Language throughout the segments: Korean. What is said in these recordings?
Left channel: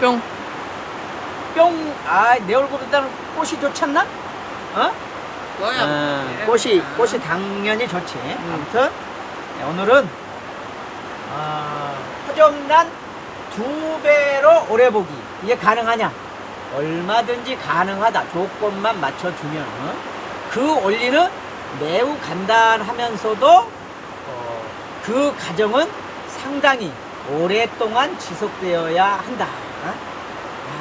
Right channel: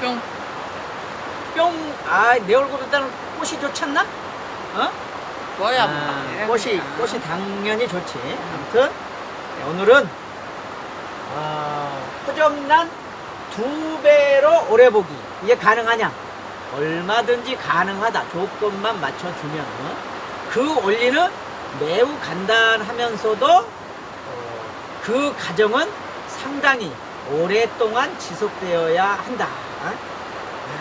뿅. 뿅. 내 얼굴보다는 꽃이 좋잖나? 뭐야? 꽃이 당연히 좋지. 아무튼 오늘은 허접난 2배로 오래 보기. 이게 가능하냐? 얼마든지 가능하다. 조건만 맞춰주면. 그 원리는 매우 간단하면서도 그 과정은 상당히 오랫동안 지속되어야 한다.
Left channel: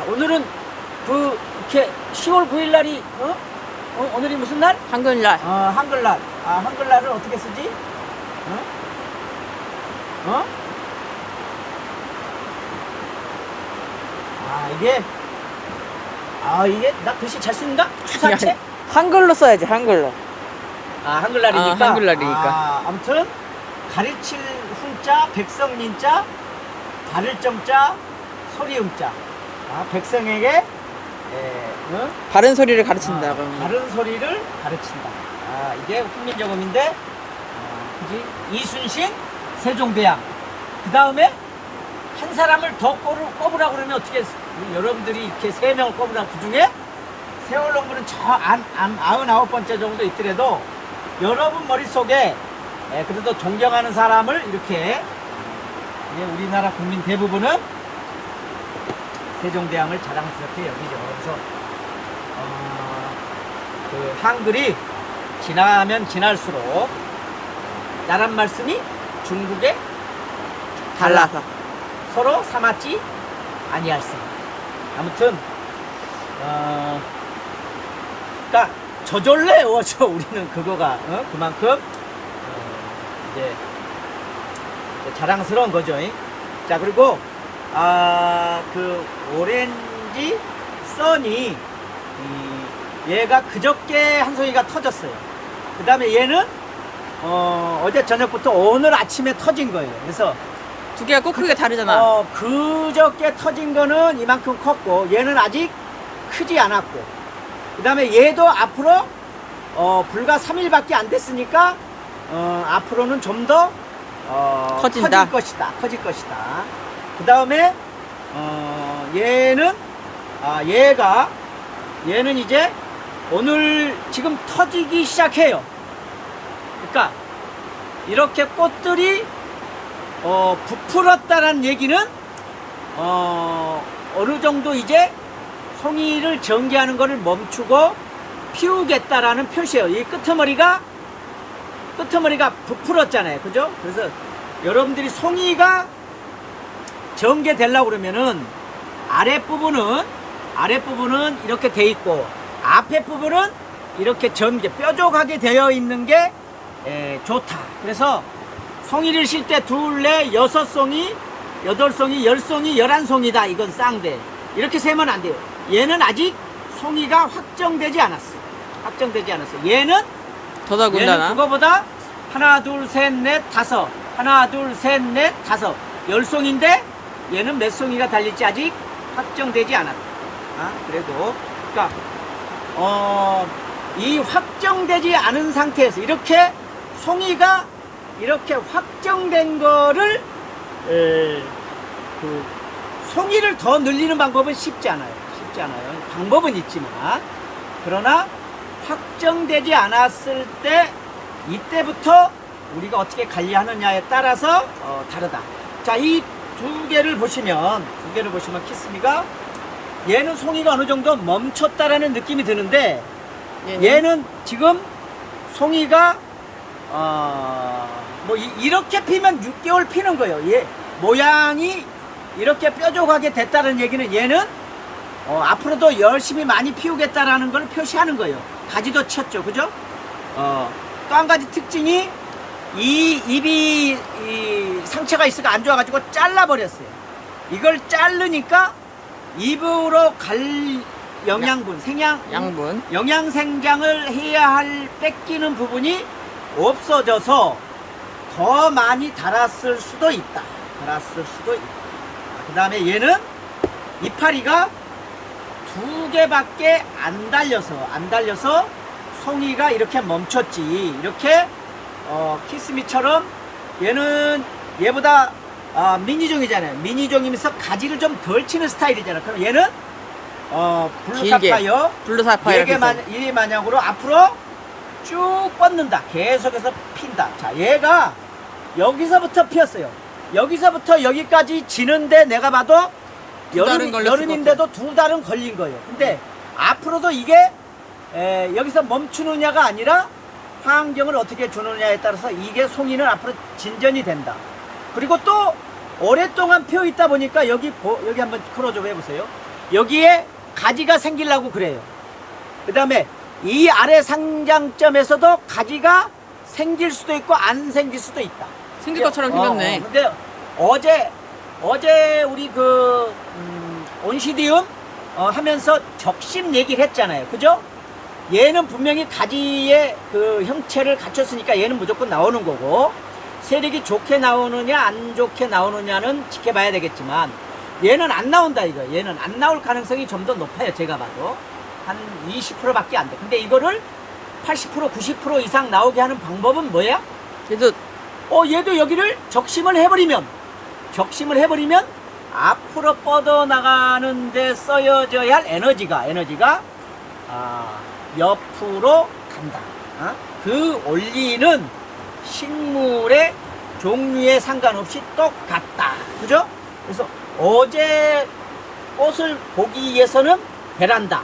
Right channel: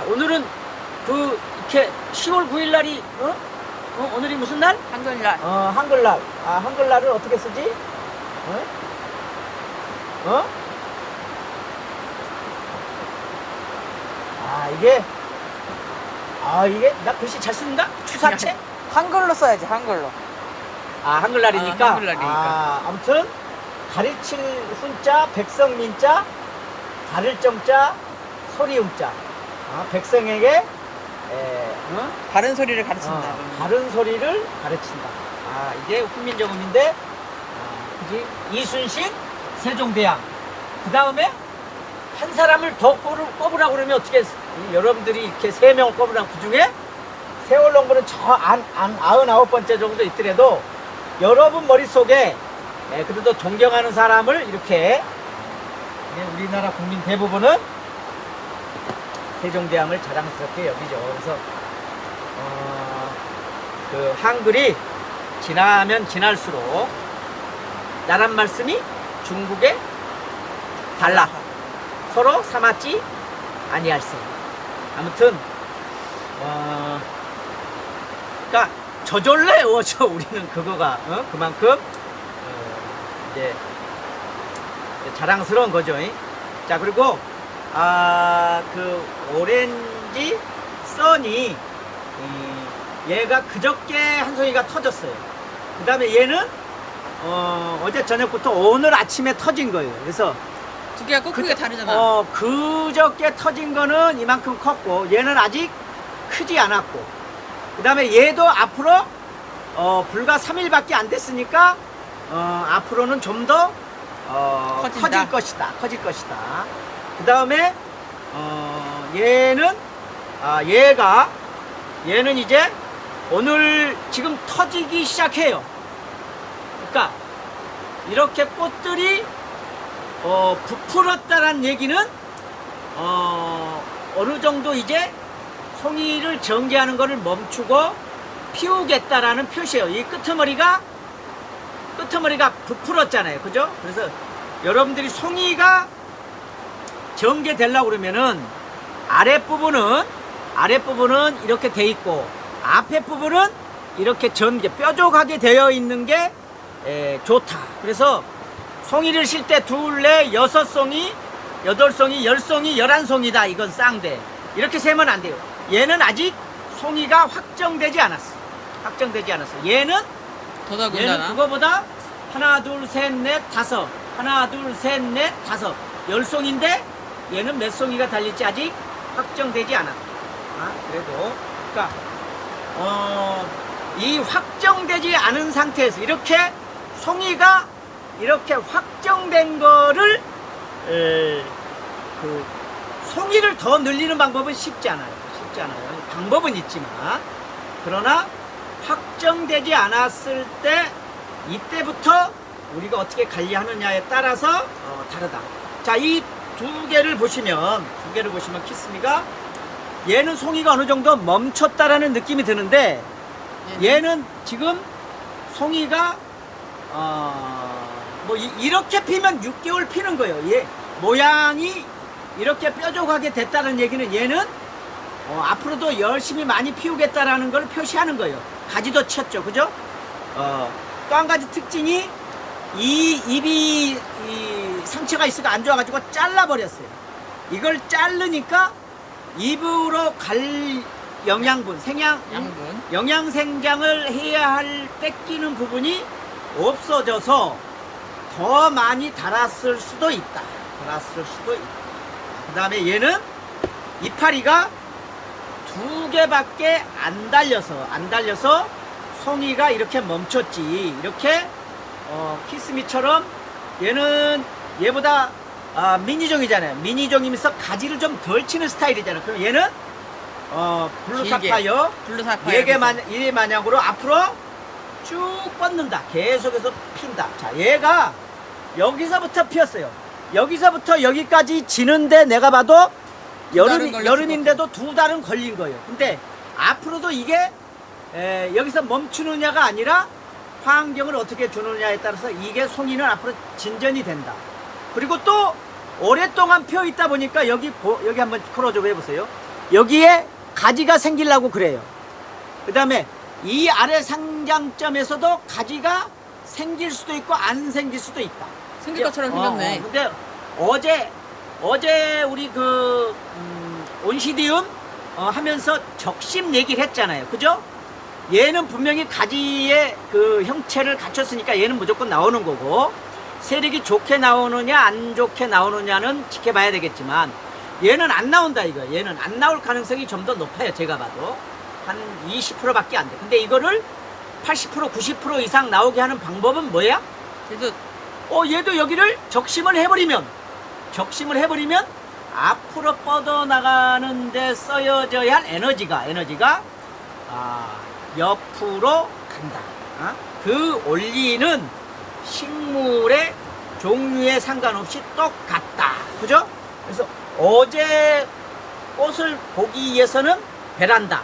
오늘은 이렇게 10월 9일 날이 오늘이 무슨 날? 한글날. 한글날. 한글날을 어떻게 쓰지? 이게 나 글씨 잘 쓰는가? 추사체? 한글로 써야지, 한글로. 한글날이니까. 한글날이니까. 아무튼 가르칠 훈자, 백성민자, 다를 정자, 소리음자. 백성에게 바른 소리를 가르친다. 바른 소리를 가르친다. 이게 훈민정음인데, 그지? 이순신, 세종대왕. 그 다음에 한 사람을 더 꼽으라고 그러면 어떻게, 여러분들이 이렇게 3명을 꼽으라고, 그 중에 세월농부는 저 99번째 정도 있더라도 여러분 머릿속에 그래도 존경하는 사람을 이렇게, 우리나라 국민 대부분은 세종대왕을 자랑스럽게 여기죠. 그래서 그 한글이 지나면 지날수록 나란 말씀이 중국에 달라서 서로 삼았지 아니할세. 아무튼 그러니까 저절로 외워져. 우리는 그거가 그만큼 이제 자랑스러운 거죠. 자, 그리고 그 오렌지 써니, 얘가 그저께 한 송이가 터졌어요. 그 다음에 얘는 어제 저녁부터 오늘 아침에 터진 거예요. 그래서 두 개가 꼭 크게 다르잖아. 그저께 터진 거는 이만큼 컸고 얘는 아직 크지 않았고, 그 다음에 얘도 앞으로 불과 3일밖에 안 됐으니까 앞으로는 좀 더 커질 것이다. 그 다음에 얘는 얘는 이제 오늘 지금 터지기 시작해요. 그러니까 이렇게 꽃들이 부풀었다는 얘기는 어느 정도 이제 송이를 전개하는 것을 멈추고 피우겠다라는 표시예요. 이 끄트머리가 부풀었잖아요. 그죠? 그래서 여러분들이 송이가 전개되려고 그러면은 아랫부분은 이렇게 돼 있고 앞에 부분은 이렇게 뾰족하게 되어 있는 게 좋다. 그래서 송이를 실 때 2, 4, 6송이, 8송이, 10송이, 11송이다. 이건 쌍대. 이렇게 세면 안 돼요. 얘는 아직 송이가 확정되지 않았어. 얘는 그거보다 하나, 둘, 셋, 넷, 다섯. 하나, 둘, 셋, 넷, 다섯. 10송인데 얘는 몇 송이가 달릴지 아직 확정되지 않았다. 그래도 그러니까 이 확정되지 않은 상태에서 이렇게 송이가 이렇게 확정된 거를 그 송이를 더 늘리는 방법은 쉽지 않아요. 방법은 있지만, 그러나 확정되지 않았을 때 이때부터 우리가 어떻게 관리하느냐에 따라서 다르다. 자, 이 두 개를 보시면 키스미가 얘는 송이가 어느 정도 멈췄다라는 느낌이 드는데, 얘는 지금 송이가 이렇게 피면 6개월 피는 거예요. 얘 모양이 이렇게 뾰족하게 됐다는 얘기는 얘는 앞으로도 열심히 많이 피우겠다라는 걸 표시하는 거예요. 가지도 쳤죠. 그죠? 또 한 가지 특징이 이 입이 상처가 있어가 안 좋아가지고 잘라버렸어요. 이걸 자르니까 입으로 갈 영양분, 영양생장을 해야 할 뺏기는 부분이 없어져서 더 많이 달았을 수도 있다. 그 다음에 얘는 이파리가 2개밖에 안 달려서 송이가 이렇게 멈췄지. 이렇게 키스미처럼 얘는 얘보다 미니종이잖아요. 미니종이면서 가지를 좀 덜 치는 스타일이잖아요. 그럼 얘는 블루사파이어 블루사파이어 얘 마냥으로 앞으로 쭉 뻗는다. 계속해서 핀다. 자, 얘가 여기서부터 피었어요. 여기서부터 여기까지 지는데 내가 봐도 여름인데도 2달은 걸린 거예요. 근데 앞으로도 이게 여기서 멈추느냐가 아니라 환경을 어떻게 주느냐에 따라서 이게 송이는 앞으로 진전이 된다. 그리고 또 오랫동안 피어 있다 보니까 여기 한번 크로즈업 해보세요. 여기에 가지가 생기려고 그래요. 그 다음에 이 아래 상장점에서도 가지가 생길 수도 있고 안 생길 수도 있다. 생길 것처럼 생겼네. 근데 어제 우리 온시디움 하면서 적심 얘기를 했잖아요. 그죠? 얘는 분명히 가지의 그 형체를 갖췄으니까 얘는 무조건 나오는 거고, 세력이 좋게 나오느냐 안 좋게 나오느냐는 지켜봐야 되겠지만 얘는 안 나온다 이거. 얘는 안 나올 가능성이 좀 더 높아요. 제가 봐도 한 20%밖에 안 돼. 근데 이거를 80% 90% 이상 나오게 하는 방법은 뭐야? 얘도 여기를 적심을 해버리면 앞으로 뻗어나가는 데 써여져야 할 에너지가 옆으로 간다. 그 원리는 식물의 종류에 상관없이 똑같다. 그죠? 그래서 어제 꽃을 보기 위해서는 베란다.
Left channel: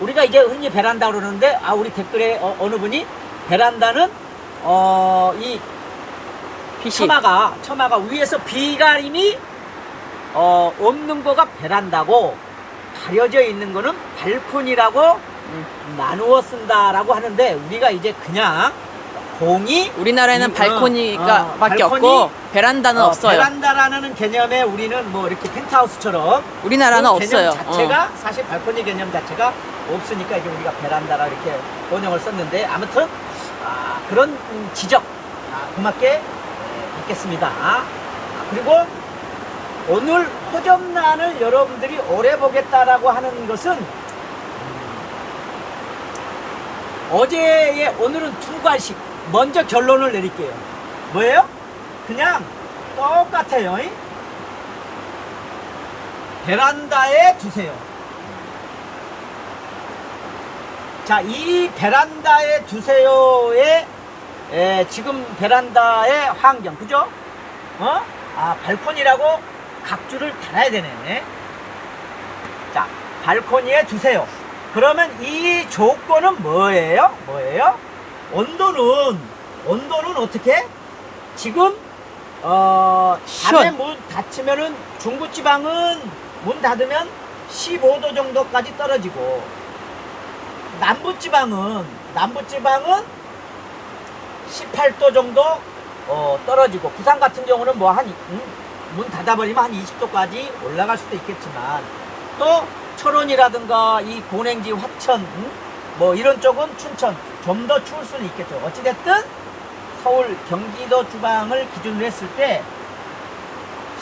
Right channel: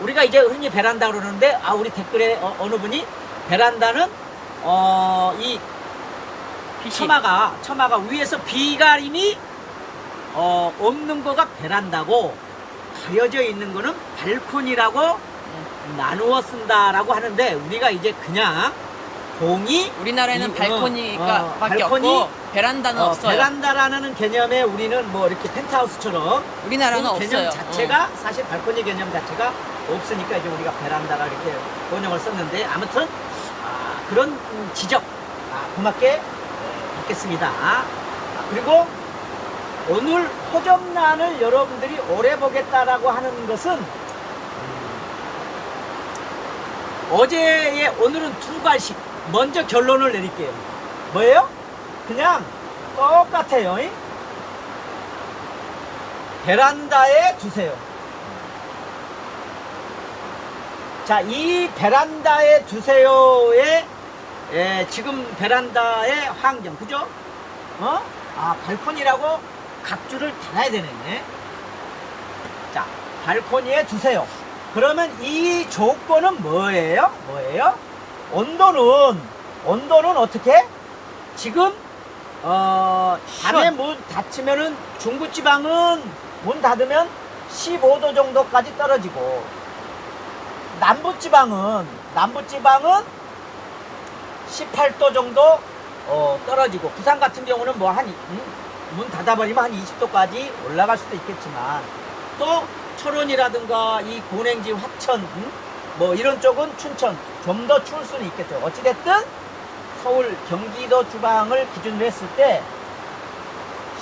우리가 이제 흔히 베란다 그러는데, 우리 댓글에 어느 분이 베란다는 이 처마가 위에서 비가림이 없는 거가 베란다고, 가려져 있는 거는 발코니라고 나누어 쓴다라고 하는데, 우리가 이제 그냥 우리나라에는 발코니가 밖에 없고 베란다는 없어요. 베란다라는 개념에 우리는 뭐 이렇게 펜트하우스처럼 우리나라는 그 개념 없어요. 자체가 사실 발코니 개념 자체가 없으니까 이제 우리가 베란다라 이렇게 번역을 썼는데, 아무튼 그런 지적 고맙게 받겠습니다. 그리고 오늘 호접란을 여러분들이 오래 보겠다라고 하는 것은 오늘은 2가지 먼저 결론을 내릴게요. 뭐예요? 그냥 똑같아요. 베란다에 두세요. 자, 이 베란다에 두세요의 지금 베란다의 환경, 그죠? 발코니라고 각주를 달아야 되네. 자, 발코니에 두세요. 그러면 이 조건은 뭐예요? 온도는 어떻게? 지금 밤에 문 닫히면은 중부지방은 문 닫으면 15도 정도까지 떨어지고, 남부지방은 18도 정도 떨어지고, 부산 같은 경우는 뭐 문 닫아버리면 한 20도까지 올라갈 수도 있겠지만, 또 철원이라든가 이 고냉지, 화천, 뭐 이런 쪽은 춘천 좀 더 추울 수는 있겠죠. 어찌됐든 서울, 경기도 주방을 기준으로 했을 때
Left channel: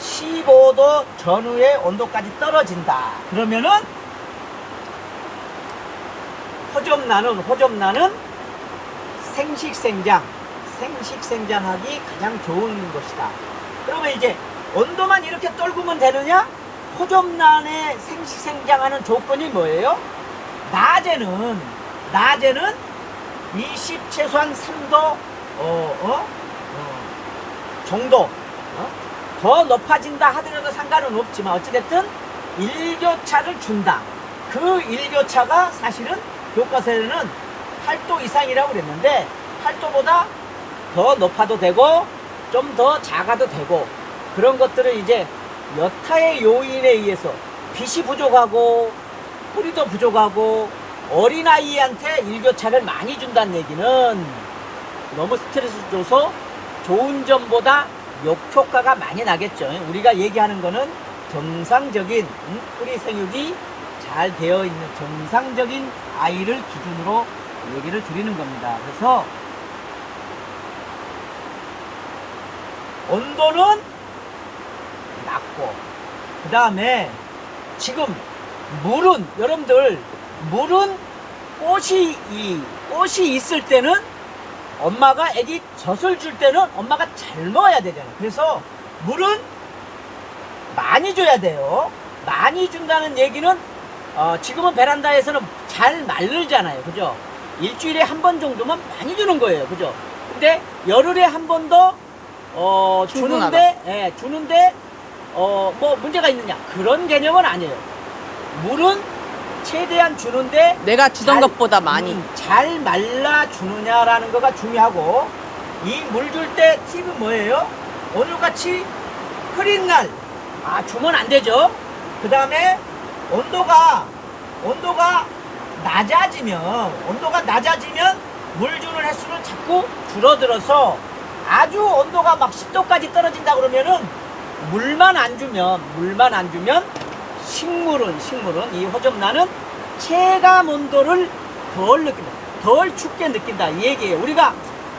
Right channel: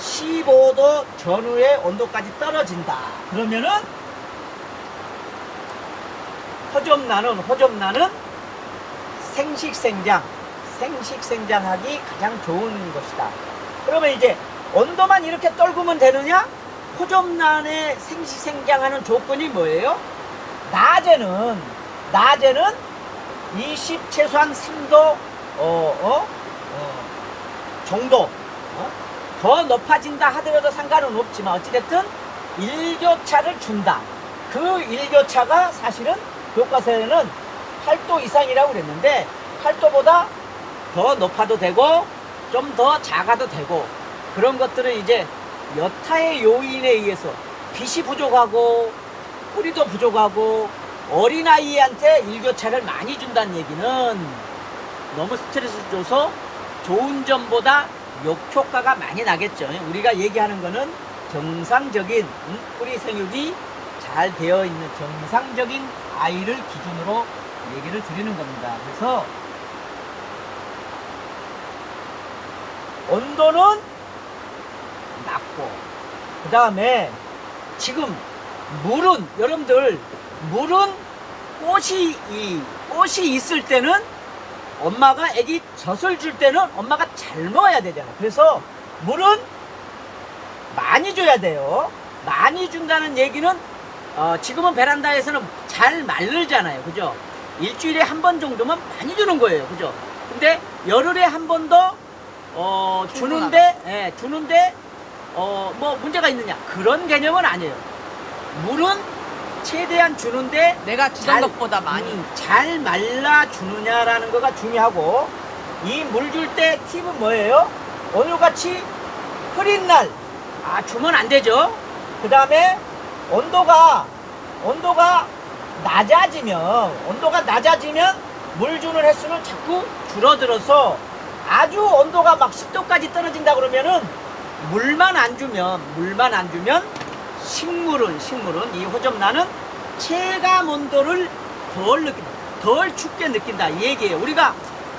15도 전후의 온도까지 떨어진다. 그러면은 호접란은 생식생장하기 가장 좋은 것이다. 그러면 이제 온도만 이렇게 떨구면 되느냐? 호접란의 생식생장하는 조건이 뭐예요? 낮에는 최소한 3도 정도 더 높아진다 하더라도 상관은 없지만, 어찌됐든 일교차를 준다. 그 일교차가 사실은 교과서에는 8도 이상이라고 그랬는데, 8도보다 더 높아도 되고 좀 더 작아도 되고, 그런 것들은 이제 여타의 요인에 의해서 빛이 부족하고 뿌리도 부족하고 어린아이한테 일교차를 많이 준다는 얘기는 너무 스트레스 줘서 좋은 점보다 역효과가 많이 나겠죠. 우리가 얘기하는 거는 정상적인 뿌리 생육이 잘 되어 있는 정상적인 아이를 기준으로 얘기를 드리는 겁니다. 그래서 온도는 낮고, 그 다음에 지금 여러분들 꽃이 있을 때는 엄마가 애기 젖을 줄 때는 엄마가 잘 먹어야 되잖아. 그래서 물은 많이 줘야 돼요. 많이 준다는 얘기는 지금은 베란다에서는 잘 마르잖아요. 그죠? 일주일에 한 번 정도만 많이 주는 거예요. 그죠? 근데 열흘에 한 번 더 주는데 뭐 문제가 있느냐 그런 개념은 아니에요. 물은 최대한 주는데 내가 주던 것보다 많이. 잘 말라 주느냐라는 거가 중요하고, 이 물 줄 때 팁은 뭐예요? 오늘같이 흐린 날 주면 안 되죠. 그 다음에 온도가 낮아지면 물 주는 횟수는 자꾸 줄어들어서 아주 온도가 막 10도까지 떨어진다 그러면은 물만 안 주면 식물은 이 호접란은 체감 온도를 덜 춥게 느낀다 이 얘기예요. 우리가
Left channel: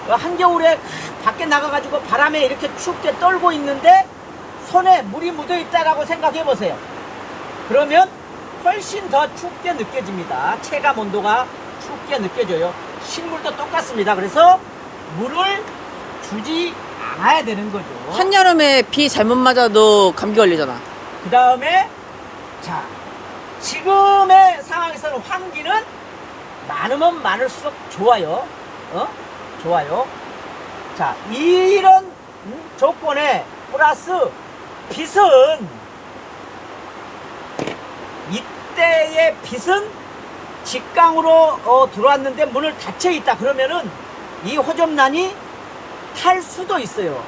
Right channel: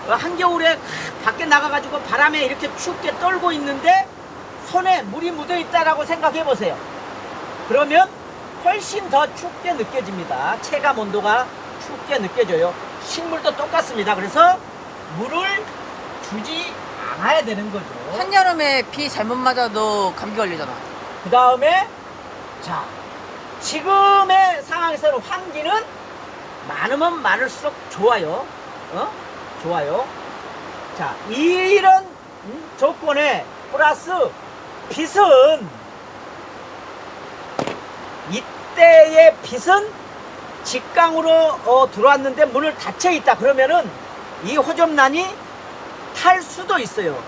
한겨울에 밖에 나가가지고 바람에 이렇게 춥게 떨고 있는데 손에 물이 묻어 있다라고 생각해 보세요. 그러면 훨씬 더 춥게 느껴집니다. 체감 온도가 춥게 느껴져요. 식물도 똑같습니다. 그래서 물을 주지 않아야 되는 거죠. 한여름에 비 잘못 맞아도 감기 걸리잖아. 그 다음에 자, 지금의 상황에서는 환기는 많으면 많을수록 좋아요. 좋아요. 자, 이런 조건에 플러스 빛은, 이때의 빛은 직강으로 들어왔는데 문을 닫혀 있다 그러면은 이 호접란이 탈 수도 있어요.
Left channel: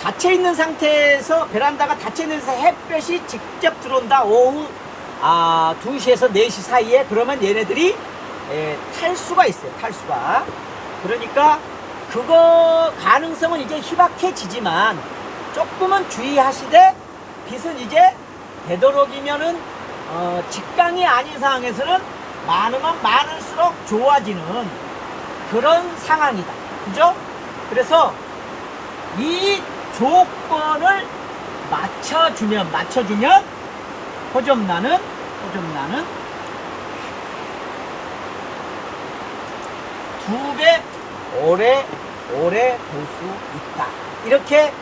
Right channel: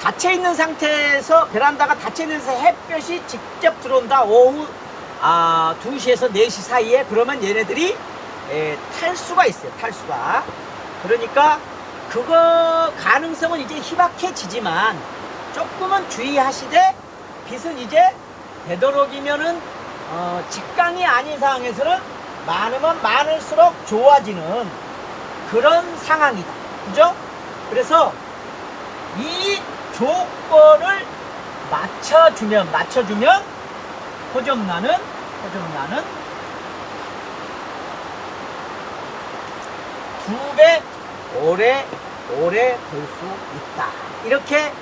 닫혀 있는 상태에서, 베란다가 닫혀 있는 상태에서 햇볕이 직접 들어온다. 오후 2시에서 4시 사이에. 그러면 얘네들이 탈 수가 있어요. 탈 수가. 그러니까 그거 가능성은 이제 희박해지지만 조금은 주의하시되, 빛은 이제 되도록이면은 직강이 아닌 상황에서는 많으면 많을수록 좋아지는 그런 상황이다. 그죠? 그래서 이 조건을 맞춰주면 호접란은 2배 오래 될 수 있다. 이렇게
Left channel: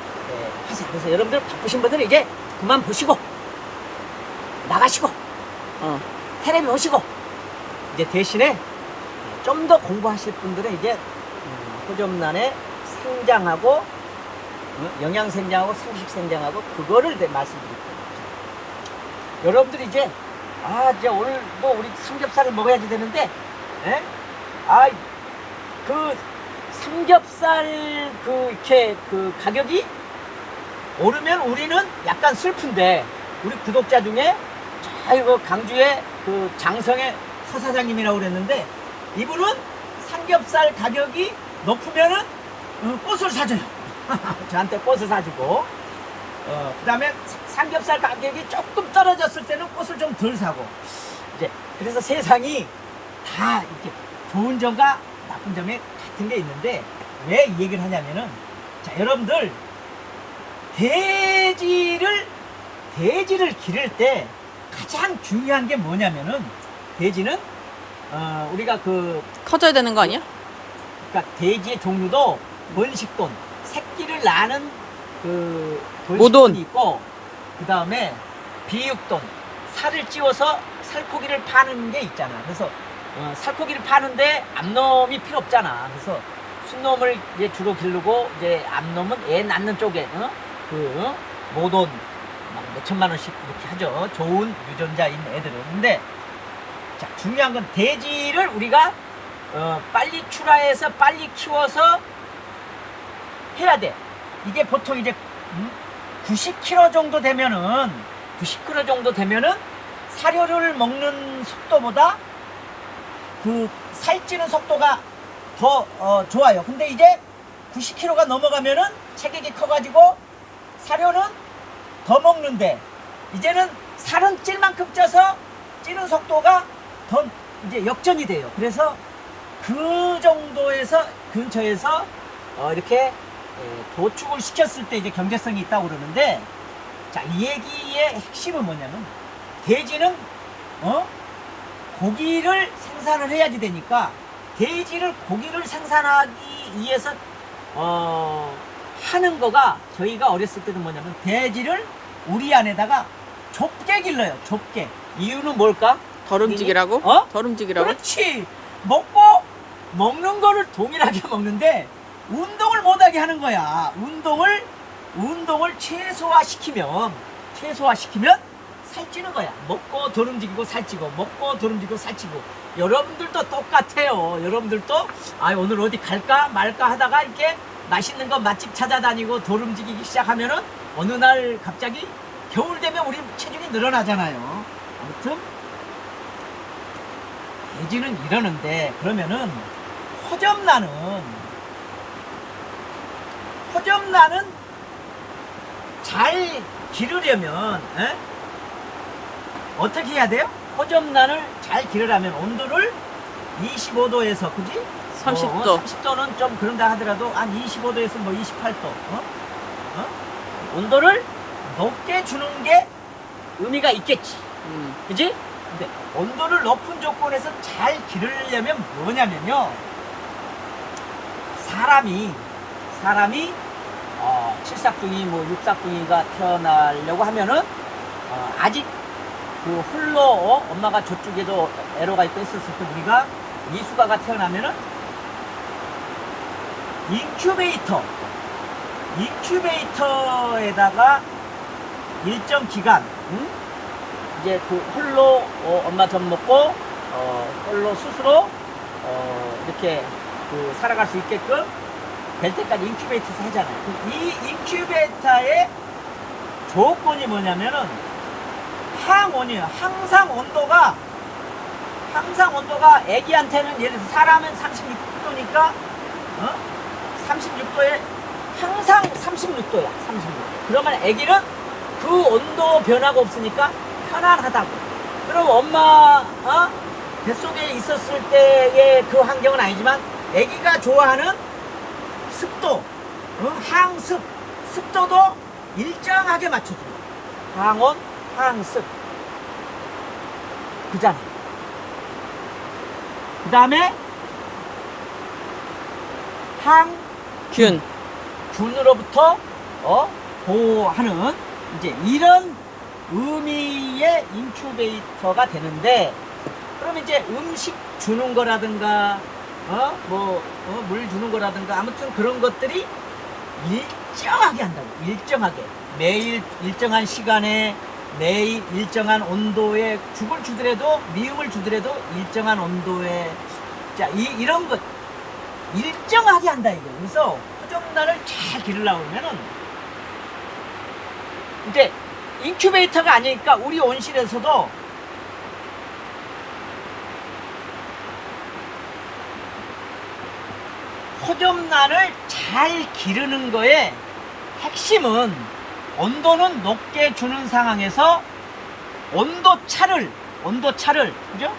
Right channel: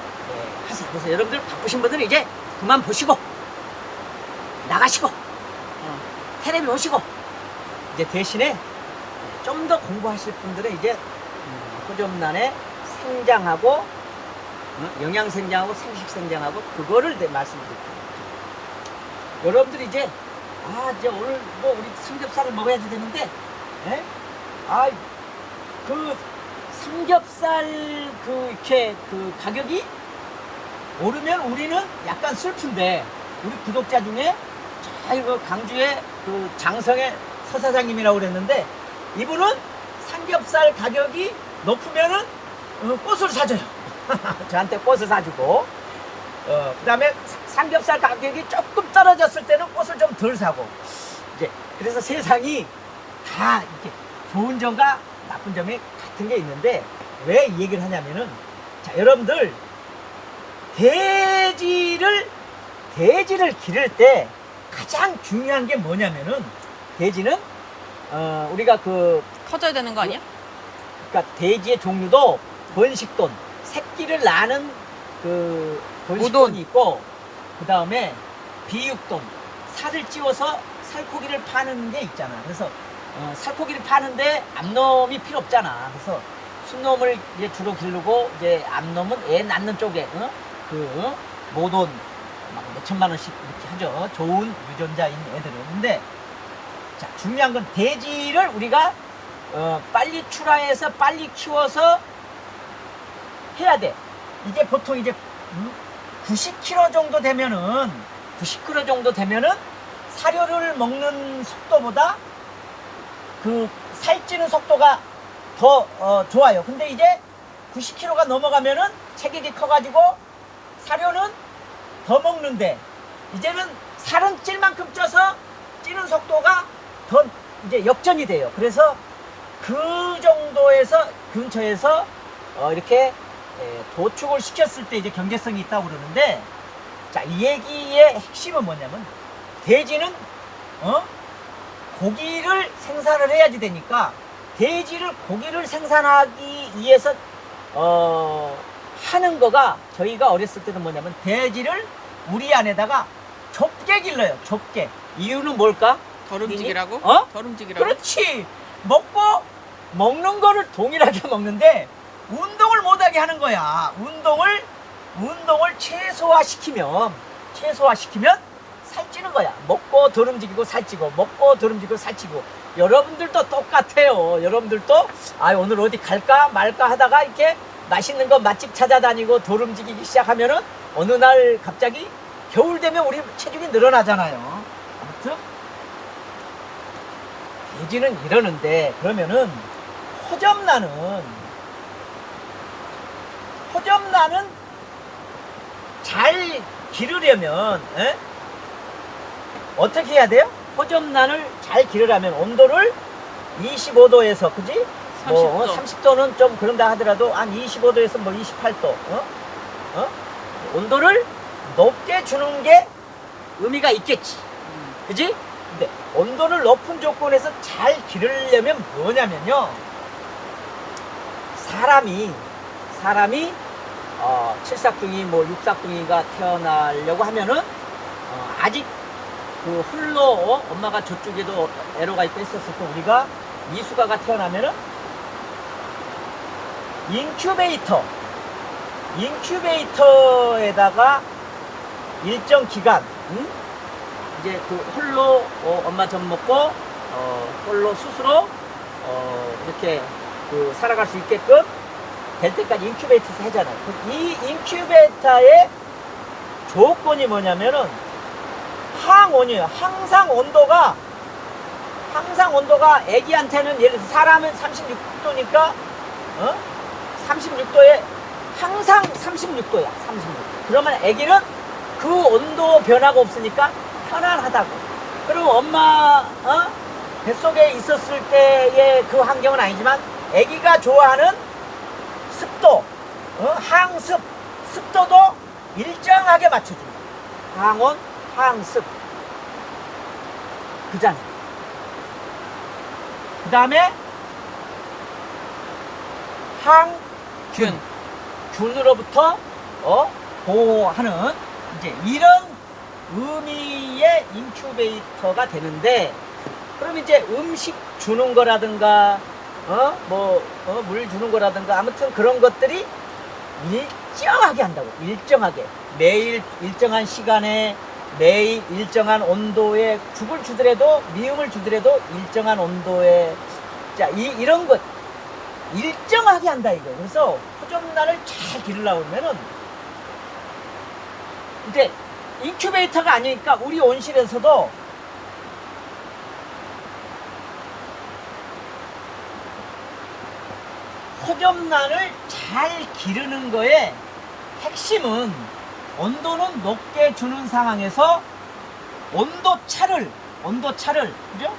하세요. 그래서 여러분들 바쁘신 분들은 이제 그만 보시고 나가시고 텔레비 보시고, 이제 대신에 좀 더 공부하실 분들은 이제 호접란에 생장하고 영양생장하고 생식생장하고 그거를 말씀드릴게요. 여러분들이 이제 이제 오늘 뭐 우리 삼겹살을 먹어야지 되는데, 그 삼겹살 이렇게 가격이 오르면 우리는 약간 슬픈데, 우리 구독자 중에 이거 강주의 장성의 서사장님이라고 그랬는데, 이분은 삼겹살 가격이 높으면은 꽃을 사줘요. 저한테 꽃을 사주고, 그 다음에 삼겹살 가격이 조금 떨어졌을 때는 꽃을 좀 덜 사고, 이제 그래서 세상이 다 이렇게 좋은 점과 나쁜 점이 같은 게 있는데, 왜 이 얘기를 하냐면은, 자, 여러분들 돼지를 기를 때 가장 중요한 게 뭐냐면은, 돼지는 우리가 커져야 되는 거 아니야? 그러니까 돼지의 종류도 번식돈, 새끼를 낳는 번식돈이 모돈 있고, 그 다음에 비육돈, 살을 찌워서 살코기를 파는 게 있잖아. 그래서 살코기를 파는데 암놈이 필요 없잖아. 그래서 순놈을 이제 주로 기르고, 이제 암놈은 애 낳는 쪽에 모돈 막 몇천만 원씩 이렇게 하죠. 좋은 유전자인 애들은. 근데 자, 중요한 건 돼지를 우리가 빨리 출하해서 빨리 키워서 해야 돼. 이게 보통 이제 90kg 정도 되면은 사료를 먹는 속도보다 살찌는 속도가 더 좋아요. 근데 이제 90kg가 넘어가면은 체격이 커가지고 사료는 더 먹는데, 이제는 살은 찔 만큼 쪄서 찌는 속도가 더 이제 역전이 돼요. 그래서 그 정도에서 근처에서 이렇게 도축을 시켰을 때 이제 경제성이 있다고 그러는데, 자, 이 얘기의 핵심은 뭐냐면, 돼지는 고기를 생산을 해야지 되니까, 고기를 생산하기 위해서 하는 거가, 저희가 어렸을 때는 뭐냐면 돼지를 우리 안에다가 좁게 길러요. 좁게. 이유는 뭘까? 덜 움직이라고? 어? 덜 움직이라고? 그렇지. 먹는 거를 동일하게 먹는데 운동을 못하게 하는 거야. 운동을 최소화시키면 살찌는 거야. 먹고 덜 움직이고 살찌고, 먹고 덜 움직이고 살찌고. 여러분들도 똑같아요. 여러분들도 오늘 어디 갈까 말까 하다가 이렇게 맛있는 거 맛집 찾아다니고 덜 움직이기 시작하면은 어느 날 갑자기 겨울 되면 우리 체중이 늘어나잖아요. 아무튼 돼지는 이러는데, 그러면은 허접나는 잘 기르려면 어떻게 해야 돼요? 허접난을 잘 기르려면 온도를 25도에서, 그지? 30도. 30도는 좀 그런다 하더라도 한 25도에서 뭐 28도 온도를 높게 주는 게 의미가 있겠지. 그지? 근데 온도를 높은 조건에서 잘 기르려면 뭐냐면요, 사람이 칠삭둥이 뭐 육삭둥이가 태어나려고 하면은 아직 그 홀로 엄마가 저쪽에도 애로가 있고 있었을 때 우리가 미숙아가 태어나면은 인큐베이터에다가 일정 기간 이제 그 홀로 엄마 젖 먹고 홀로 스스로 이렇게 그 살아갈 수 있게끔 될 때까지 인큐베이터에서 하잖아요. 이 인큐베이터의 조건이 뭐냐면은 항온이에요. 항상 온도가 애기한테는, 예를 들어서 사람은 36도니까 36도에 항상 36도야. 36도. 그러면 애기는 그 온도 변화가 없으니까 편안하다고. 그럼 엄마 뱃속에 있었을 때의 그 환경은 아니지만 애기가 좋아하는 습도, 습도도 일정하게 맞춰준다. 항온, 항습. 그잖아. 그 다음에 균으로부터 보호하는 이제 이런 의미의 인큐베이터가 되는데, 그럼 이제 음식 주는 거라든가 물 주는 거라든가 아무튼 그런 것들이 일정하게 한다고. 일정하게 매일 일정한 시간에 매일 일정한 온도에 죽을 주더라도 미음을 주더라도 일정한 온도에 이런 것 일정하게 한다 이거. 그래서 허접난을 잘 기르려고 하면은 이제 인큐베이터가 아니니까 우리 온실에서도 허접난을 잘 기르는 거에 핵심은 온도는 높게 주는 상황에서 온도차를 그죠?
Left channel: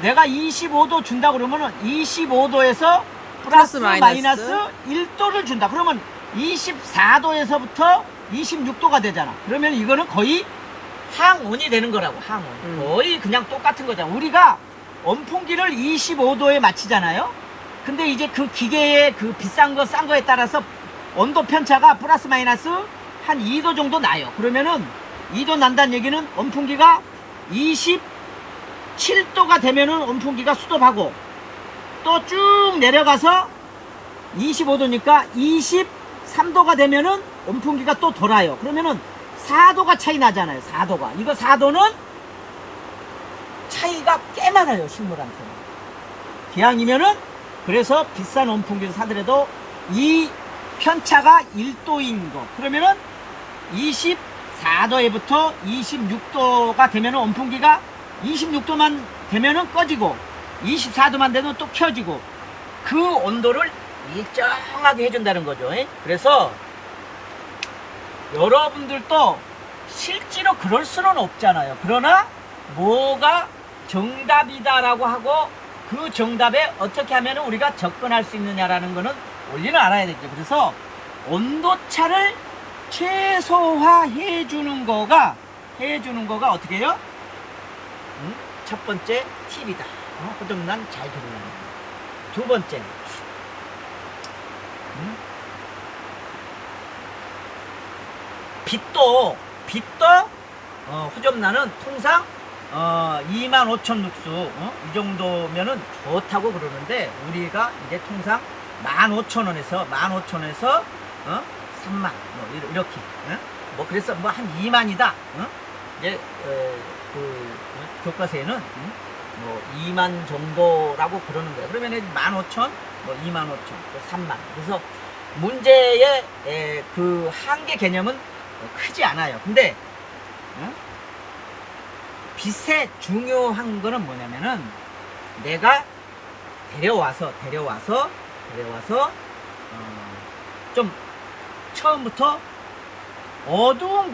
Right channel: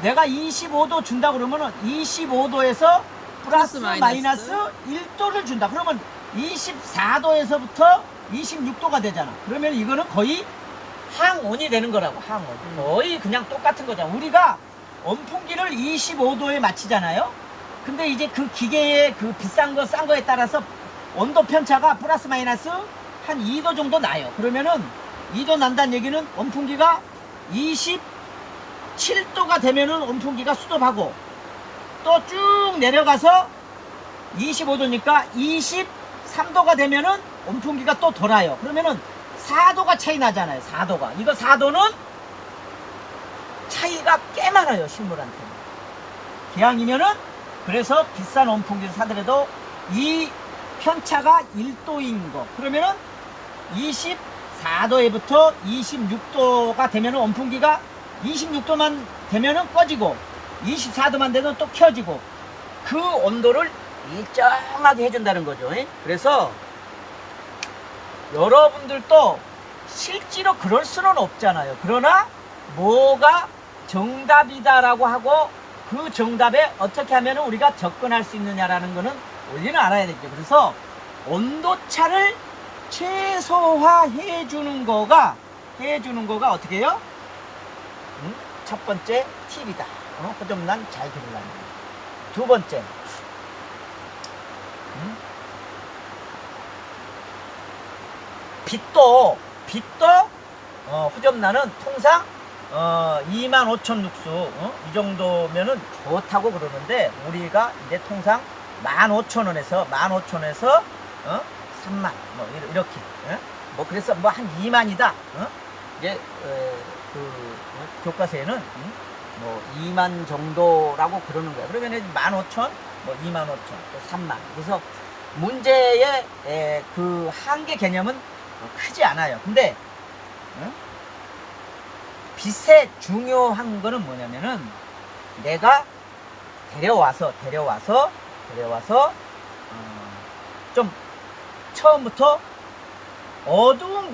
내가 25도 준다 그러면은 25도에서 플러스 마이너스 1도를 준다. 그러면 24도에서부터 26도가 되잖아. 그러면 이거는 거의 항온이 되는 거라고. 항온. 거의 그냥 똑같은 거잖아. 우리가 온풍기를 25도에 맞추잖아요. 근데 이제 그 기계의 그 비싼 거 싼 거에 따라서 온도 편차가 플러스 마이너스 한 2도 정도 나요. 그러면은 2도 난다는 얘기는 온풍기가 27도가 되면은 온풍기가 스톱하고 또 쭉 내려가서 25도니까 23도가 되면은 온풍기가 또 돌아요. 그러면은 4도가 차이 나잖아요. 4도가. 이거 4도는 차이가 꽤 많아요. 식물한테는. 기왕이면은 그래서 비싼 온풍기를 사더라도 이 편차가 1도인 거. 그러면은 24도에부터 26도가 되면은 온풍기가 26도만 되면은 꺼지고 24도만 되면 또 켜지고 그 온도를 일정하게 해준다는 거죠. 그래서 여러분들도 실제로 그럴 수는 없잖아요. 그러나 뭐가 정답이다라고 하고 그 정답에 어떻게 하면 우리가 접근할 수 있느냐라는 거는 원리는 알아야 되죠. 그래서 온도차를 최소화해 주는 거가 어떻게 해요? 첫 번째 팁이다. 허접난 잘 기르려면. 두 번째, 빛도 빛도 호접란은 통상 25,000 룩수 이 정도면은 좋다고 그러는데 우리가 이제 통상 15,000원에서 3만 뭐 이렇게 뭐 그래서 뭐 한 2만이다. 이제 교과서에는 뭐 2만 정도라고 그러는 거예요. 그러면 15,000, 뭐 25,000, 또 3만. 그래서 문제의 그 한계 개념은 크지 않아요. 근데 빚의 중요한 거는 뭐냐면은 내가 데려와서 좀 처음부터 어두운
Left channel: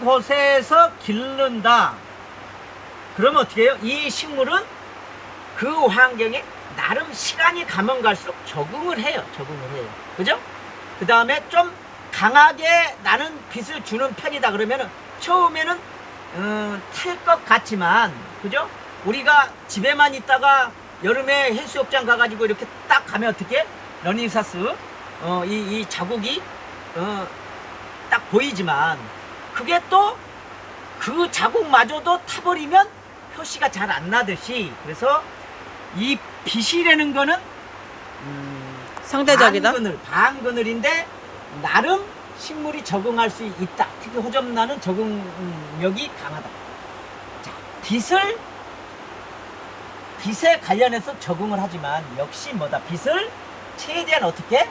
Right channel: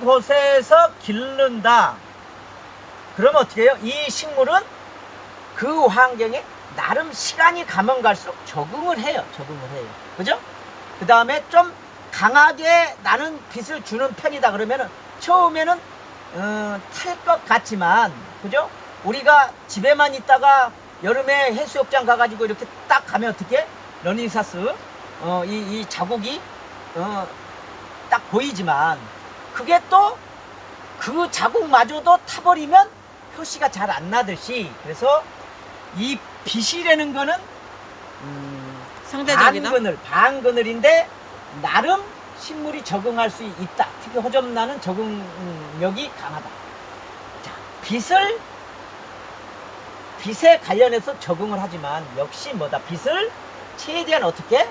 곳에서 기른다. 그러면 어떻게 해요? 이 식물은 그 환경에 나름 시간이 가면 갈수록 적응을 해요. 그죠? 그 다음에 좀 강하게 나는 빛을 주는 편이다. 그러면은 처음에는 탈 것 같지만, 그죠? 우리가 집에만 있다가 여름에 해수욕장 가가지고 이렇게 딱 가면 어떻게? 러닝사스, 이 자국이, 딱 보이지만, 그게 또 그 자국마저도 타버리면 표시가 잘 안 나듯이, 그래서 이 빛이라는 거는, 상대적이다. 반그늘인데, 나름 식물이 적응할 수 있다. 특히 호접란은 적응력이 강하다. 자, 빛에 관련해서 적응을 하지만 역시 뭐다? 빛을 최대한 어떻게?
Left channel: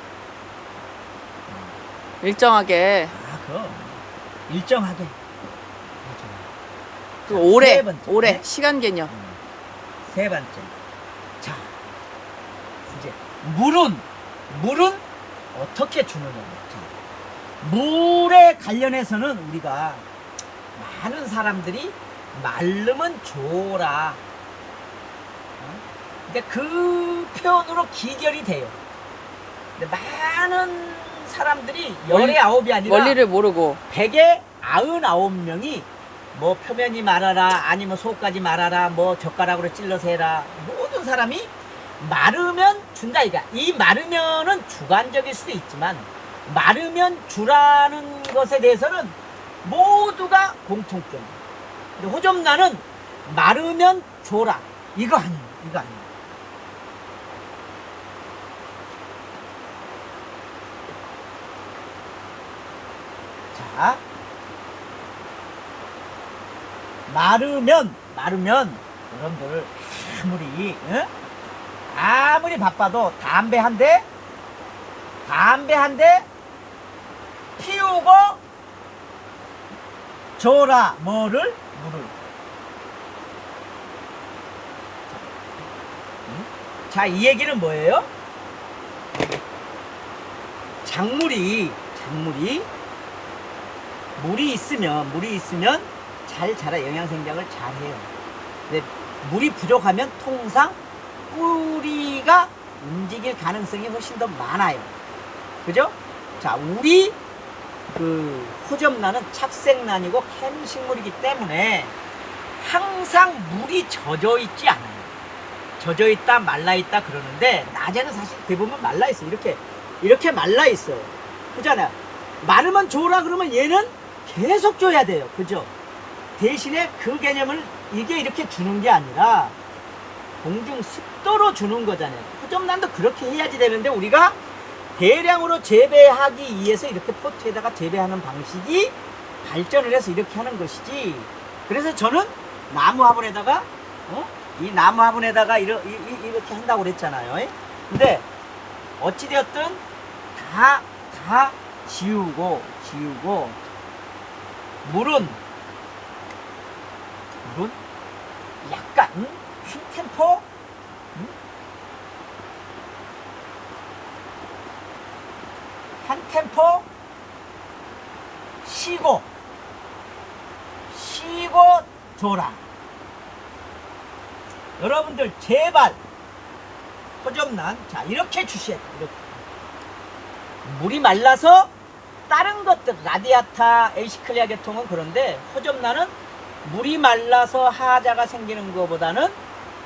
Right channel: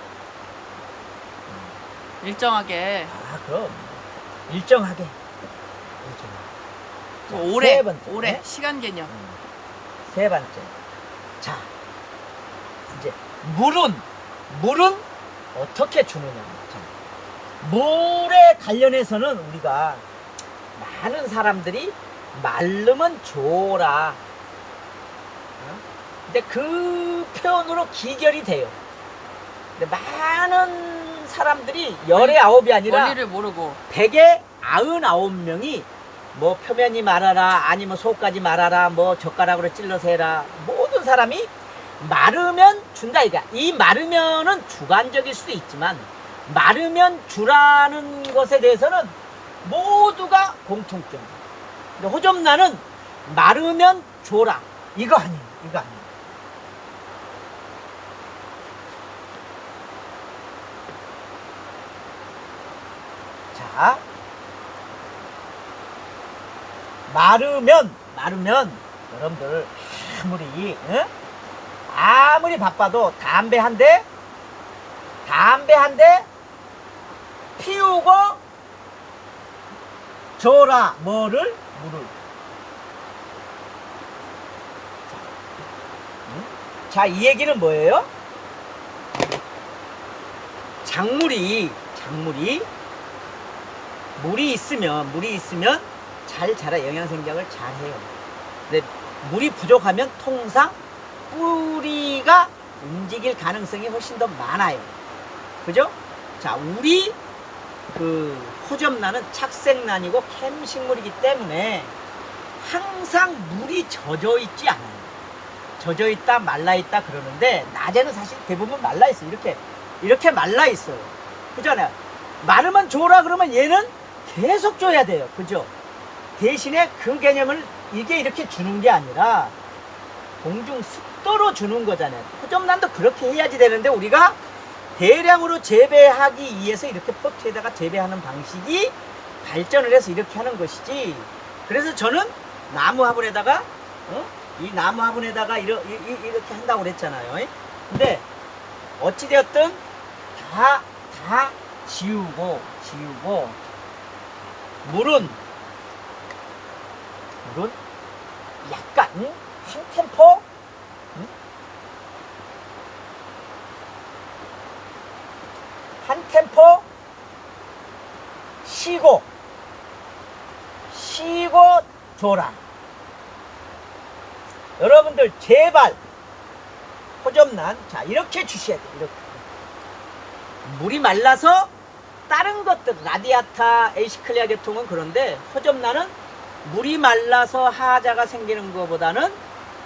일정하게. 그럼 일정하게. 자, 오래. 세 번째. 오래. 시간 개념. 세 번째. 자, 이제 물은 어떻게 주느냐? 자, 물에 관련해서는 우리가 많은 사람들이 마르면 줘라. 근데 그 표현으로 기결이 돼요. 근데 많은 사람들이 열의 아홉이 아니라 원리를 모르고. 100에 99명이 뭐 표면이 말아라, 아니면 속까지 말아라, 뭐 젓가락으로 찔러서 해라. 모든 사람이 마르면 준다 이가. 이 마르면은 주관적일 수도 있지만 마르면 주라는 것에 대해서는 모두가 공통점. 근데 호접란은 마르면 줘라. 이거 아니에요. 자, 마르면 여러분들 아무리 바빠도 담배 한 대 피우고 줘라. 물을. 자, 이 얘기는 뭐예요? 작물이 물이 있으면 잘 자라, 영양생장을 잘 해요. 근데 물이 부족하면 통상 뿌리가 움직일 가능성이 훨씬 더 많아요. 그죠? 자, 우리 그 호접란은 착색란이고 캠식물이기 때문에 항상 물이 젖어 있지 않아요. 젖어 있다, 말라 있다 그러는데 낮에는 사실 대부분 말라 있어요. 이렇게 말라 있어요. 그잖아요. 마르면 줘라 그러면 얘는 계속 줘야 돼요. 그죠? 대신에 그 개념을 이게 이렇게 주는 게 아니라 공중 습도로 주는 거잖아요. 호접란도 그렇게 해야지 되는데 우리가 대량으로 재배하기 위해서 이렇게 포트에다가 재배하는 방식이 발전을 해서 이렇게 하는 것이지. 그래서 저는 나무 화분에다가 이 나무 화분에다가 이렇게 한다고 그랬잖아요. 근데 어찌되었든 다 지우고 물은 약간 한 템포 쉬고 줘라. 여러분들 제발 호접란 자 이렇게 주셔야 돼요. 이렇게. 물이 말라서 다른 것들 라디아타, 에이시클리아 계통은 그런데 호접란은 물이 말라서 하자가 생기는 것보다는